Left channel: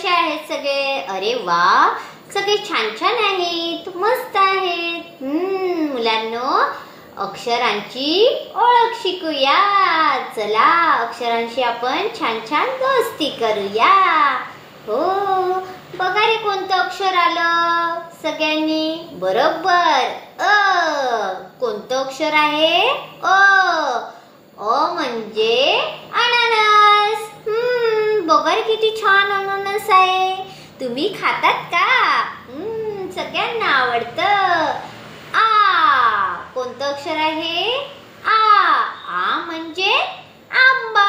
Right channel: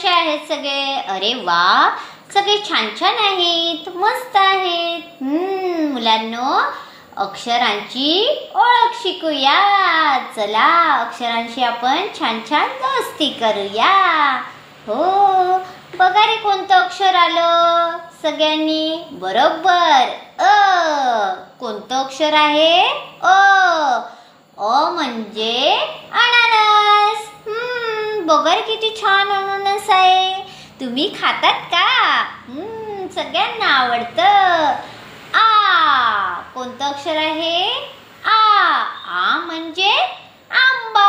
कसे आहेत सगळे? अरे वा, सगळे छान छान आहेत, मस्त आहेत. मुलांनो, अक्षरांची ओळख शिकूया. चला, अक्षरांशी आपण छान छान दोस्ती करूया. हो, बघा रे कोणतं अक्षर आलं सगळ्यांनी? बरोबर, अ. कोणतं अक्षर आहे? अ. अ म्हणजे अननस. बघा रे किती छान अननस आहे. तुम्ही खातात का? सगळ्यांना आवडतं. आ. कोणतं अक्षर आहे? आ. आ म्हणजे आंबा.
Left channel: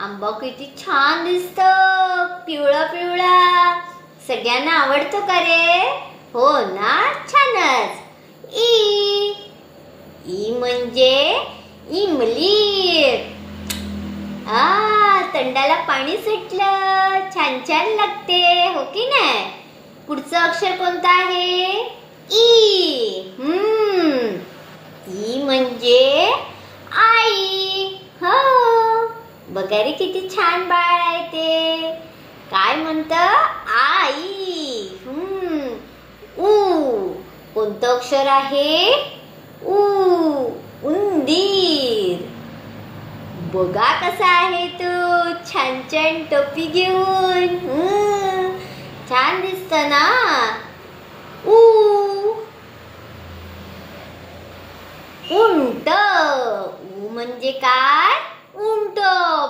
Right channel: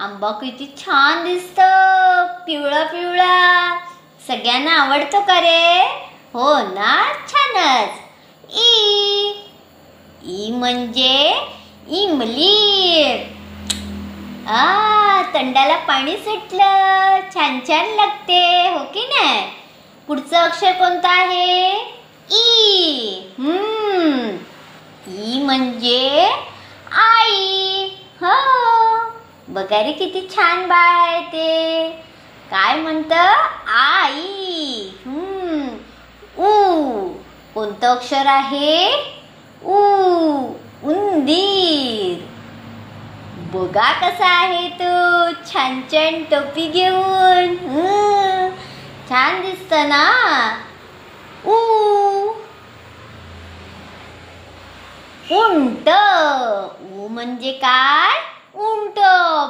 आंबा किती छान दिसतं, पिवळा पिवळा. सगळ्यांना आवडतो का रे? हो ना, छानच. ई. ई म्हणजे इमली. तोंडाला पाणी सुटलं, छान छान लागते, हो की नाही? पुढचं अक्षर कोणतं आहे? ई. ई म्हणजे आई. हो, बघा रे किती छान बाळ आहे ते. काय म्हणतं? आई. ऊ. कोणतं अक्षर आहे? ऊ. उंदीर. बघा कसा आहे तो, छान छान टोपी घेऊन. छान दिसत ना. ऊ. उंट. ऊ म्हणजे काय? उंट.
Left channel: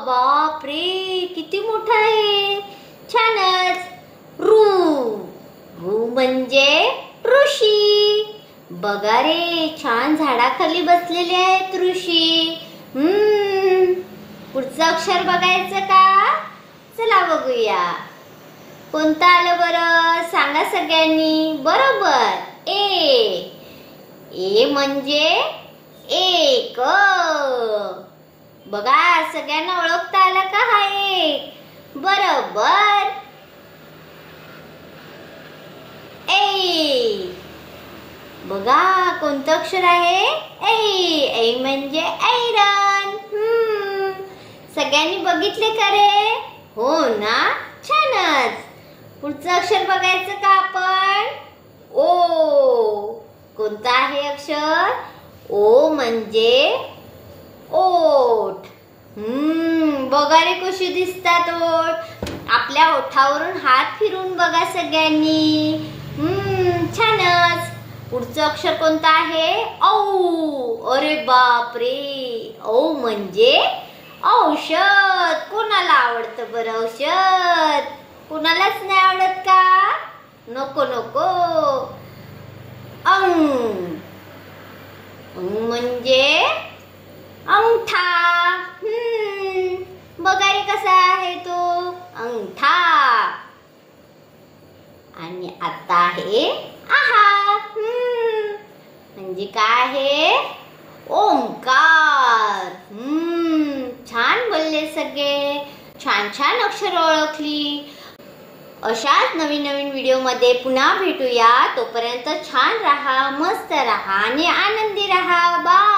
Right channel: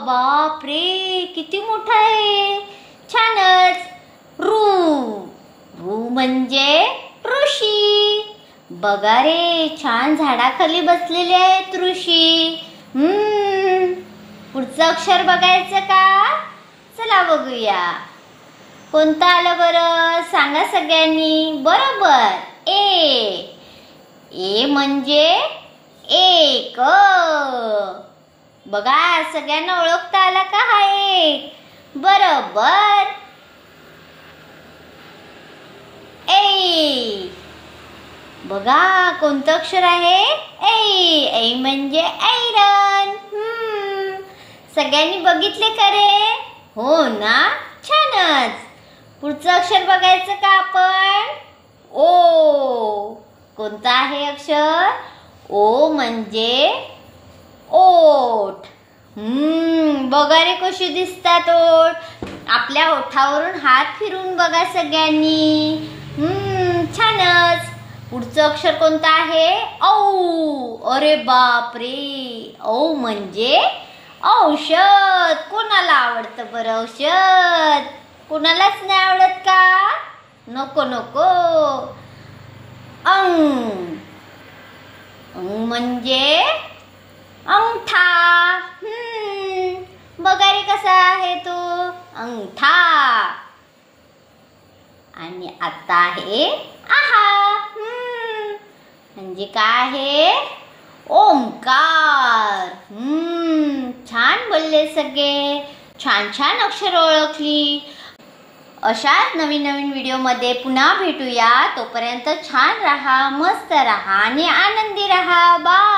बापरे, किती मोठा आहे, छानच. रू. रू म्हणजे ऋषी. बघा रे, छान झाडाखाली बसलेले आहेत ऋषी. पुढचं अक्षर बघायचं का? चला बघूया. कोणतं आलं बरं? सांगा सगळ्यांनी. बरोबर, ए. ए म्हणजे एक. बघा, सगळ्यांना ओळखता आला का हा एक? बरोबर, ए. बघा कोणतं अक्षर आहे? ऐ. ऐ म्हणजे ऐरण. सगळ्यांनी बघितले का रे? हो ना, छानच. पुढचं अक्षर बघायचं का आपण? ओ. कोणतं आहे अक्षर? ओ म्हणजे ओठ. बघा रे कशी दिसतात ओठ. आपल्या ओठावरून हात फिरून बघा सगळ्यांनी. छानच. पुढचं अक्षर कोणतं आहे? औ. अरे बापरे, औ म्हणजे औषध. कोणाला आवडतं बरं औषध? कोणालाच नाही आवडत का? नको नको. अंग. म्हणजे अंगठा. बघा रे कसा आहे तो, अंगठा. आणि आता आहे आहा. म्हणजे काय आहे? ओंकार. छान बोलले सगळे, छान छान अक्षर ओळखली. अशाच नवीन नवीन व्हिडिओ मध्ये पुन्हा भेटूया. तोपर्यंत छान राहा, मस्त राहा आणि आनंदी राहा. बाय.